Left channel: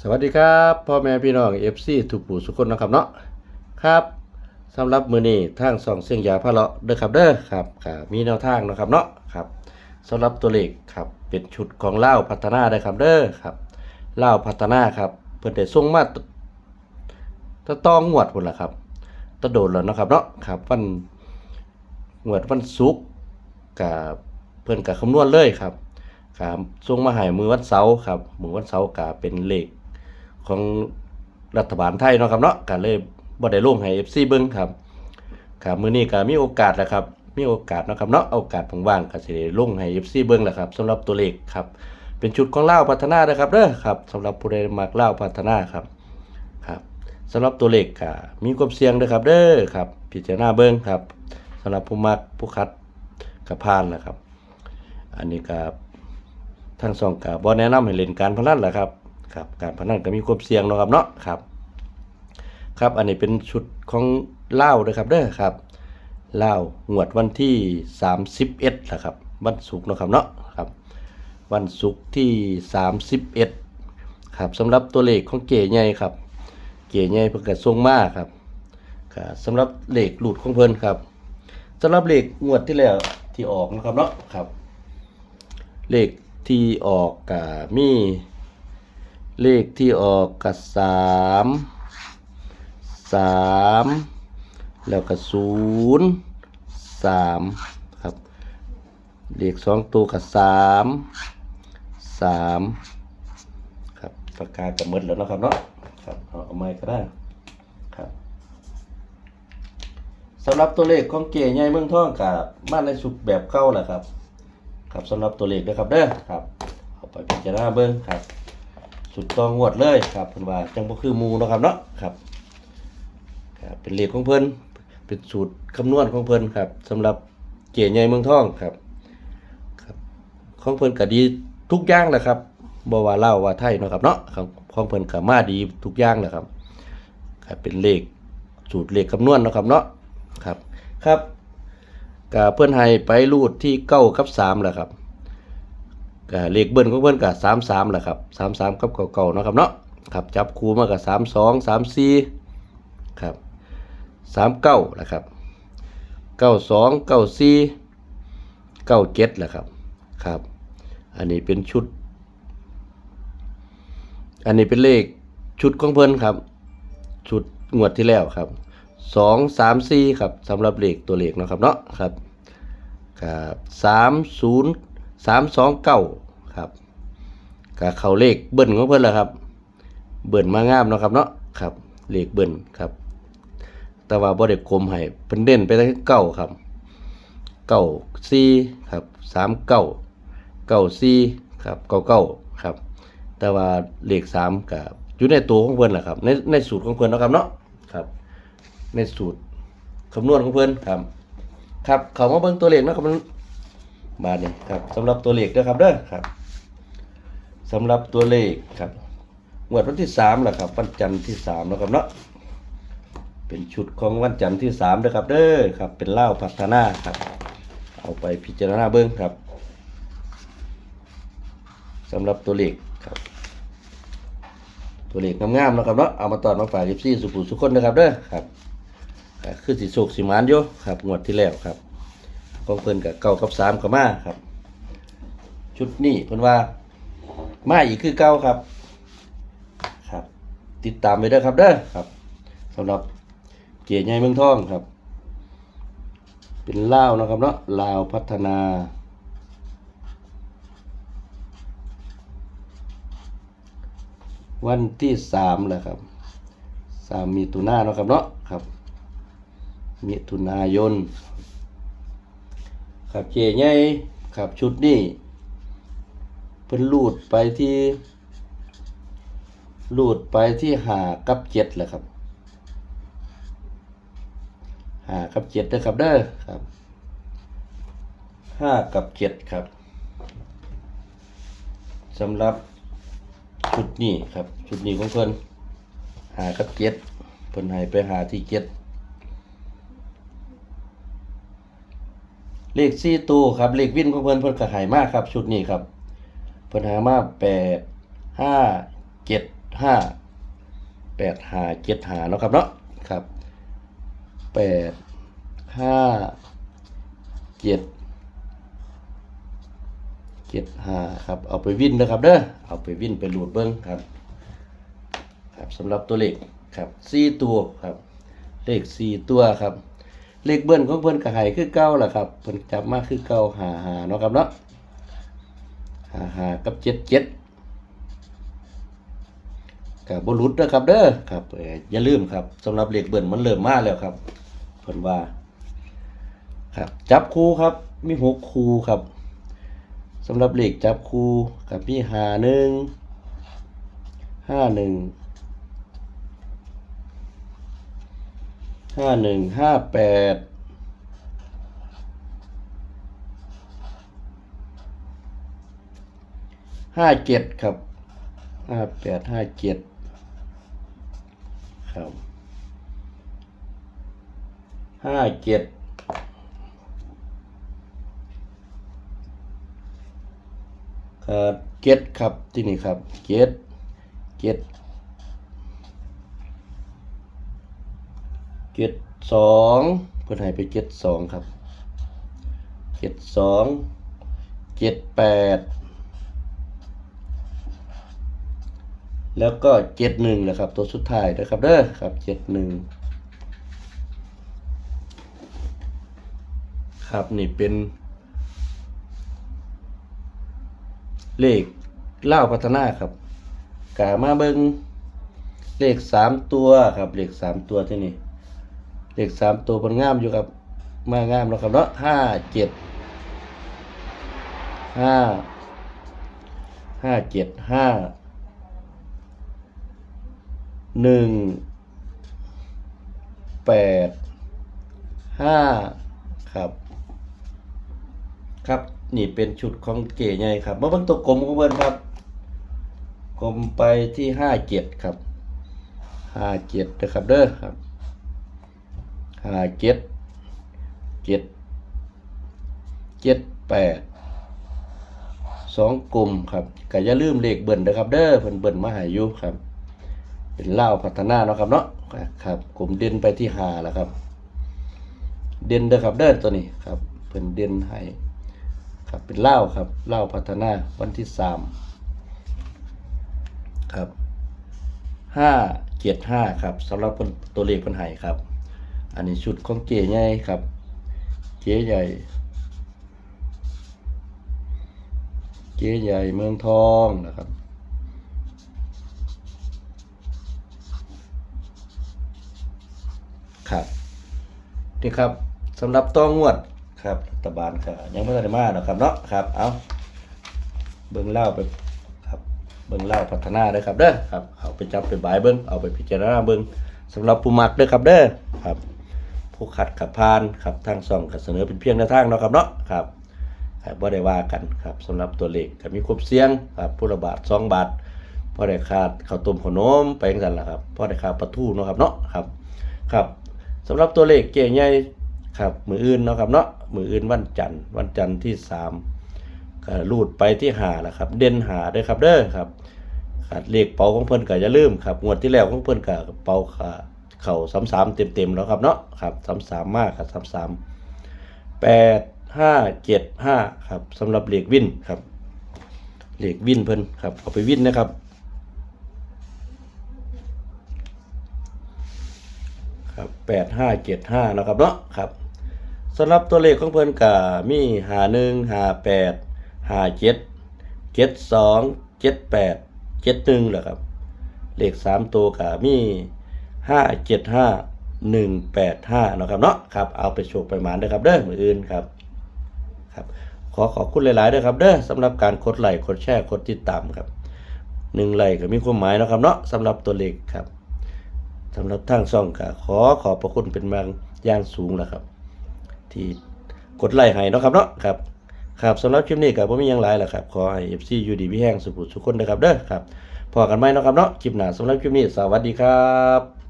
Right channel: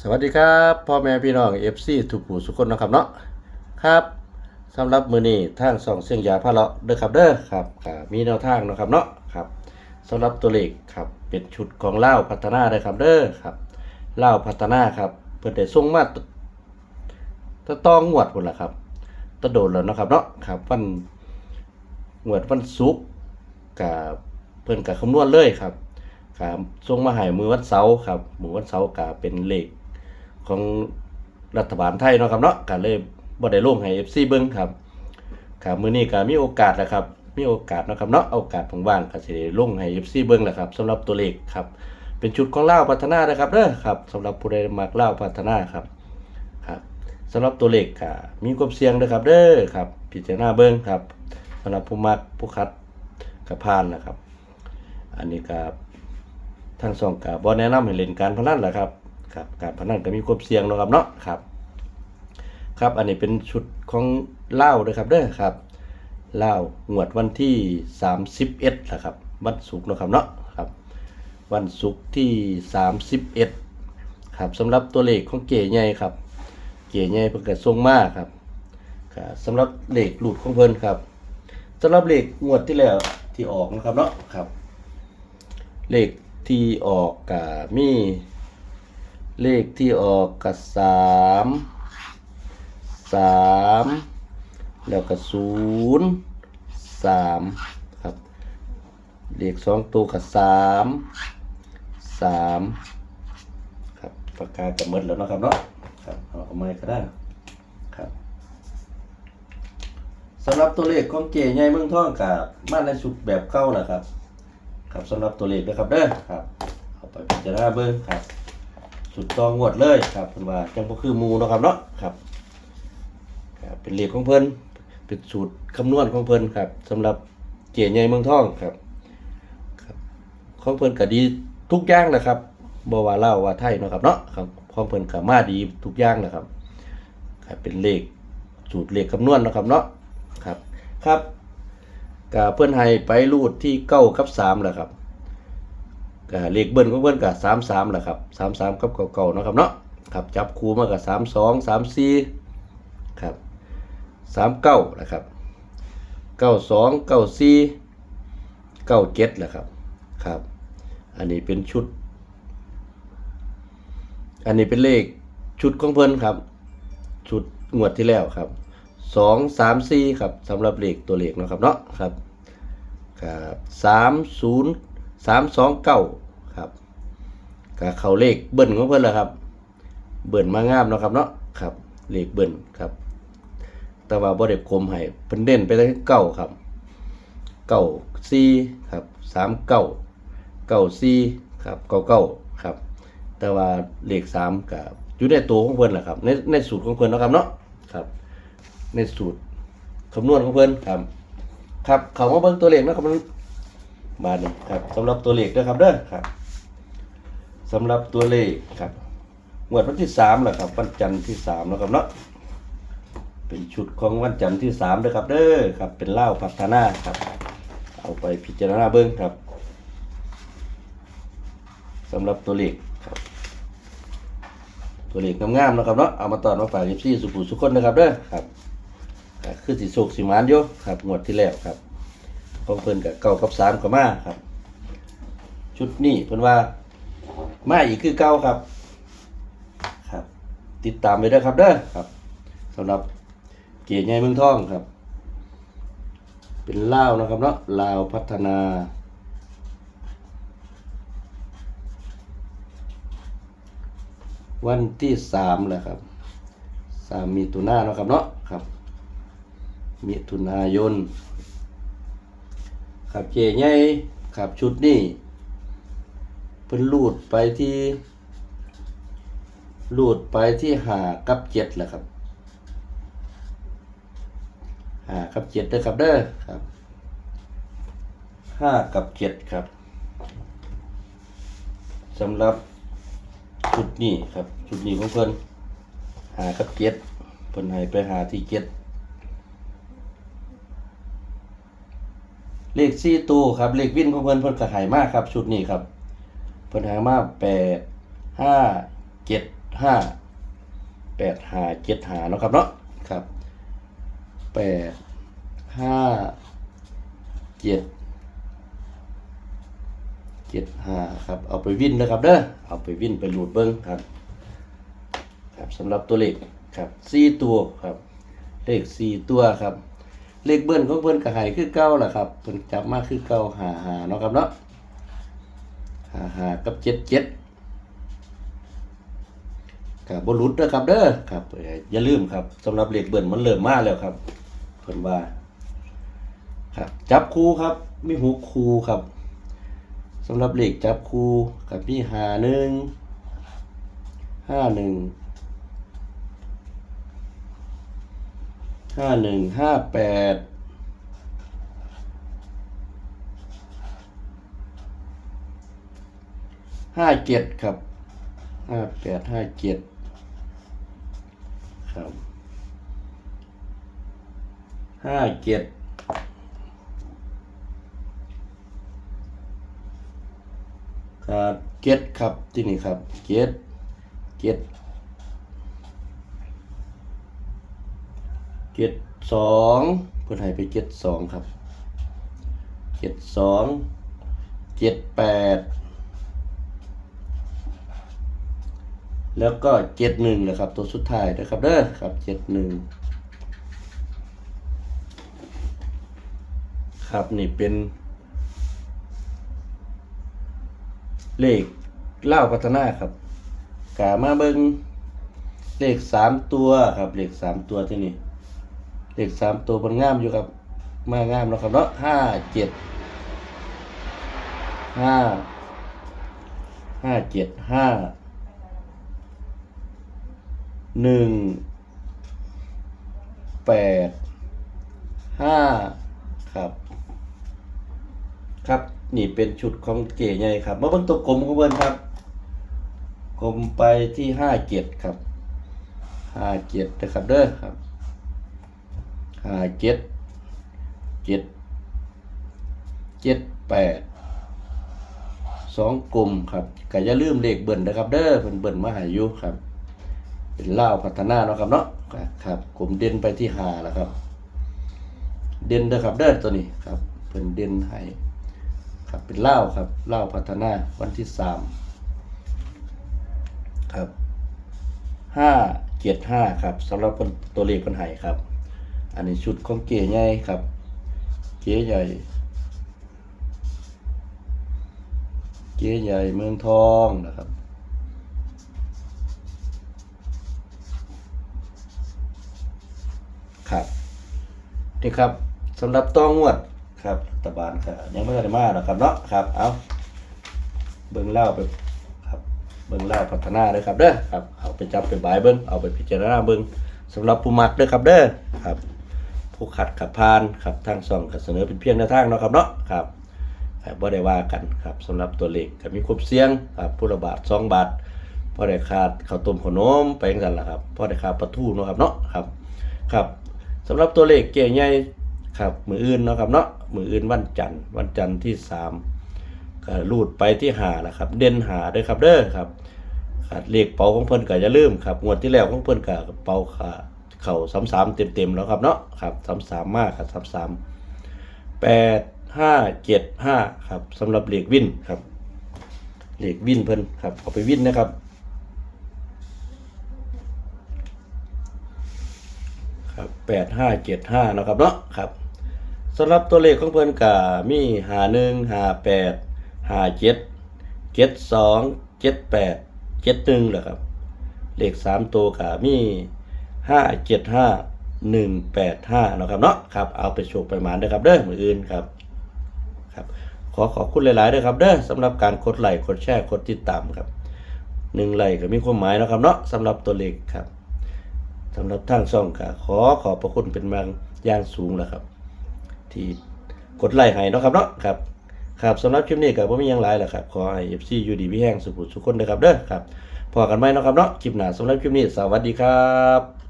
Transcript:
สวัสดีครับพ่อแม่พี่น้อง FC ทุกผู้ทุกคนนะครับเนาะครับสำหรับมือนี้ทางสองเสียงยาพะเลาะเด้อครับเด้อครับก็มีแนวทางนะครับเนาะครับสำหรับตัวเลขครับเป็นชุดของเล่าพัฒนาเด้ครับเด้อครับเล่าพัฒนาครับเพิ่นได้ส่งมาตะตองงวดพุ่นละครับตะโดดแล้วนะครับเนาะครับวันงวดวันศุกร์กับเพิ่นก็คำนวณเลยครับครับส่งมาให้มือวันเสาร์ครับมือวันเสาร์ก็เป็นเลข ของรัฐบาลไทยเนาะครับเนาะก็เลยบ่ได้ลงให้ FC เบิ่งครับครับมื้อนี้ก็มีโอกาสแล้วครับมีโอกาสเนาะครับเนาะโอกาสว่างๆก็สิได้ลงให้ FC เบิ่งแหละครับสำหรับตัวเลขครับเป็นชุดของลาวพัฒนานะครับเด้อครับสำหรับผู้ใดมักลาวพัฒนาครับครับสำหรับตัวเลขก็มีความเสี่ยงเด้อครับเด้อครับพิจารณาเบิ่งครับสำหรับผู้มักผู้คัดก็ผ่านแหละครับ อันนี้ก็ทางสองกับบ่แนะนำให้เล่นการพนันแหละครับ ครับการพนันก็มีความเสี่ยงเนาะครับเนาะครับ ครับอันนี้เป็นชุดของเล่าวด้วยครับเด้อครับเล่างวดวันที่ 31นะครับวันศุกร์นะครับเนาะครับ วันศุกร์ที่ 31ครับสำหรับตัวเลขของเก๋ใหญ่ครับ เก๋ใหญ่เพิ่นก็ส่งมาครับครับสำหรับเลขหลุดของเพิ่นครับสำหรับเลขงวดที่แล้วที่ออกนะครับเนาะครับ เลขที่ออกกับมี เลขที่ออกกับสามสามแล้วก็ศูนย์สามครับเลขสองตัวกับสามสามครับปากกาศจะมดแล้วนะครับเนาะครับเอาไม้ก็ได้ครับสำหรับตัวเลขของเก๋ใหญ่เมืองทองกับมาในสุกแบบเก่าแหละครับ ครับสำหรับตัวเลขด้วยครับเด้อครับเอาไปพิจารณาเบิ่งครับ สุดตองงวดเลยครับเพิ่นว่าจังบ่คือหมูเนาะครับเนาะครับครับเป็นเลขของเพิ่นเป็นสูตรคำนวณของเพิ่นครับสำหรับเกียใหญ่เมืองทองครับครับของเพิ่นก็ดีทุกอย่างแหละครับบ่ว่าเลาว่าไทยเนาะครับเนาะครับของเพิ่นก็มาดีทุกอย่างแหละครับครับเป็นเลขสูตรเลขคำนวณเนาะครับเนาะครับครับก็เพื่อนให้ไปรูดที่เก้ากับสามแหละครับ ก็เลขเบิ้ลของเพื่อนกับสามสามแหละครับสามสามกับเก่าๆนะครับเนาะครับจับคู่มากับสามสองสามสี่ครับสามเก้าแหละครับเก้าสองเก้าสี่เก้าเจ็ดแหละครับครับ อันนี้เป็นชุด อันนี้เป็นเลขชุดของเพื่อนครับ ชุดงวดที่แล้วครับสองสามสี่ครับสำหรับเลขตัวเลขเนาะครับเนาะครับครับสามศูนย์ สามสองเก้าครับกับเขาเลขเบิ้ลของเพื่อนแหละครับ เบิ้ลมางามเนาะครับเนาะครับเลขเบิ้ลครับ แต่ว่าบ่ได้กลมให้เพิ่นเด่นไปที่เก้าครับเก้าสี่ครับสามเก้าเก้าสี่ครับเก้าเก้าครับ แต่ว่าเลขสามกับอยู่ในตัวของเพิ่นแหละครับในในสูตรของเพิ่นนะครับเนาะครับ ในสูตรคำนวณของเพิ่นครับ ครับเขามาเบิ่งตัวเลขนะครับ มาเนี่ยครับสำหรับตัวเลขนะครับเด้อครับสำหรับตัวเลขครับงวดวันที่สามแหละครับวันจันทร์ที่สามนะครับเนาะเป็นชุดของวันจันทร์ที่สามเด้อครับเด้อครับ เป็นเล่าพัฒนาครับ เอาไปพิจารณาเบิ่งครับสำหรับตัวเลขครับ ตัวเลขงามๆนะครับเนาะเอามาตอนมาฝาก14สุขุสุขคนนะครับเด้อครับคือสิโศกสิมานอยู่ครับงวดที่แล้วครับ ของเพิ่นกับเก้ากับสามก็มาครับ ชุดนี้เพิ่นว่ามาอีกคือเก้าครับ ครับ ติดตามไปเด้ครับเด้อครับสำหรับเกียรติใหญ่เมืองทองครับ เป็นลาวนะครับเนาะลาวพัฒนาวันที่สามแหละครับสามมีตุนาเนาะครับเนาะครับ มิถุนายน ครับเจใหญ่ครับชุดนี้เพิ่นลูดไปที่ลูดไปที่หากับเจ็ดแหละครับหากับเจ็ดนะครับเด้อครับห้ากับเจ็ดครับสำหรับชุดนี้ครับชุดนี้ของเพิ่นหากับเจ็ดเพิ่นให้ไปหาที่เจ็ด เลขสี่ตู้ครับเลขวินของเพิ่นเพิ่นก็ให้มากครับ ชุดนี้ครับเพิ่นห้มาแปดห้าเจ็ดห้าแปดห้าเจ็ดห้าเนาะครับเนาะครับแปดห้าเจ็ดเจ็ดห้าครับเอาไปวิ่นนะครับเด้อเอาไปวิ่นไปหลุดเบิ้งครับครับสำหรับตัวเลขครับสี่ตัวครับเลขสี่ตัวครับ เลขเบิ้ลของเพิ่นกระหายคือเก้าล่ะครับเพิ่นจับมาคือเก้าหาหาเนาะครับเนาะหาหากับเจ็ดเจ็ดกับบรุษเด้อครับเด้อครับอย่าลืมครับสำหรับเลขเบิ้ลมันเริ่มมาแล้วครับเพิ่นว่า ครับ จับคู่ครับมีหกคู่ครับสำหรับเลขจับคู่กับมีหาหนึ่งห้าหนึ่ง ห้าหนึ่งห้าแปดห้าเจ็ดครับห้าแปดห้าเจ็ดครับห้าเจ็ดครับเจ็ดครับที่นี่ครับเจ็ดเจ็ด เจ็ดสองเพิ่นให้ไปเจ็ดสองครับเจ็ดสองเจ็ดแปดแล้วก็เจ็ดหนึ่งนะครับ ตัวสุดท้ายนะครับเด้อครับเจ็ดหนึ่งครับนี่เป็น เลขเล่าพัฒนาครับกามาเบิงเลขสามตัวครับเลขสามตัวที่นี่ เลขสามตัวมันงามอยู่ครับมางามแล้วครับเนาะห้าเจ็ดห้าห้าเจ็ดห้าหนึ่งแปดห้าครับ ครับนี่เป็นชุดของเก๋ใหญ่ครับเมื่อเป็นตัวกลมของเบิ้นครับกลมไปที่ห้าเจ็ดครับห้าเจ็ดนะครับเด้อครับ ห้าเจ็ดเจ็ดเจ็ดแปดสองกลุ่มครับก็อย่าลืมเลขเบิ่นนะครับ เด้อเพิ่นเบิ่นมาหายู่ครับ เป็นเล่าพัฒนาเนาะครับเนาะครับกลุ่มเด่นไปที่หาแล้วครับ เด่นเด้อครับเด้อตัวนี้ครับเพิ่นเด่นให้ครับเป็นเล่าครับเล่าพัฒนาวันที่สามครับห้าเจ็ดห้าครับสำหรับตัวเลขเพิ่นให้ครับ อันนี้ชุดของเก๋ใหญ่ครับ เก๋ใหญ่ เก๋ใหญ่เมืองทองนะครับครับนี่ครับสำหรับต้องวดครับรัฐบาลก็ยังไม่ได้มาหรอกครับเนาะครับเอาเบิ่งเล่าไปครับเบิ่งเล่าพัฒนาเลยครับเด้อครับเอาไปจับไปบายเบิ่งเอาไปพิจารณาเบิ่งสำหรับผู้มักเด้อครับเด้อครับ ผู้ขัดขับพานครับทางส่องก็เสนอเป็นเพียงแนทางเนาะครับเนาะครับครับบ่ได้ว่ากันครับสำหรับตัวเลขก็มีครบเสียงครับผู้ละบาท2บาทพอได้ขาดข้าวต้มขนมไปจังซั่นล่ะครับพอได้ขาดปลาทูเนาะครับเนาะครับครับสำหรับตัวเลขเก๋ใหญ่ครับมืออื่นเนาะครับเนาะมืออื่นวันจันทร์วันจันทร์ที่3ก็รูดไปที่5แล้วครับ เด่นหาเด้อครับเด้อครับขาดเลขเป๋าของเพิ่นก็อย่าลืมครับงวดที่แล้วของเพิ่นก็เป๋าขา เข่าสามสามเต็มเต็มๆแล้วครับเนาะครับสามสามมากครับสามสามแปดห้าเจ็ดห้าครับสำหรับเหล็กวินครับเหล็กวินเพิ่นครับเอาไปวินนะครับครับแปดห้าเจ็ดห้านะครับเนาะครับสำหรับตัวเลขของเพิ่นกามีหาหนึ่งหาแปดหาเจ็ดเจ็ดสองเจ็ดแปดเจ็ดหนึ่งแหละครับเลขสามตัวกามี ห้าเจ็ดห้าหนึ่งแปดห้านะครับเนาะครับเอาไปโชว์ไปหมานด้วยครับเด้อมืออื่นครับครับขอขอบคุณหลายๆด้วยครับเด้อสำหรับการกดไลค์กดแชร์กดติดตามครับหนึ่งไลค์ก็มีความหมายนะครับเนาะสำหรับตัวเลขครับสำหรับทางช่องก็ขอขอบพระคุณเป็นบางอย่างสูงแล้วครับ ที่กดไลค์ให้นะครับเนาะครับครับสำหรับคลิปนี้ก็บ่มีหยังหลายแล้วครับขอให้ FC อยู่ดีมีแห้งสุขสุขคนนะครับเด้อครับพอกันไหมเนาะครับเนาะคลิปหน้าสำหรับคลิปนี้สวัสดีครับ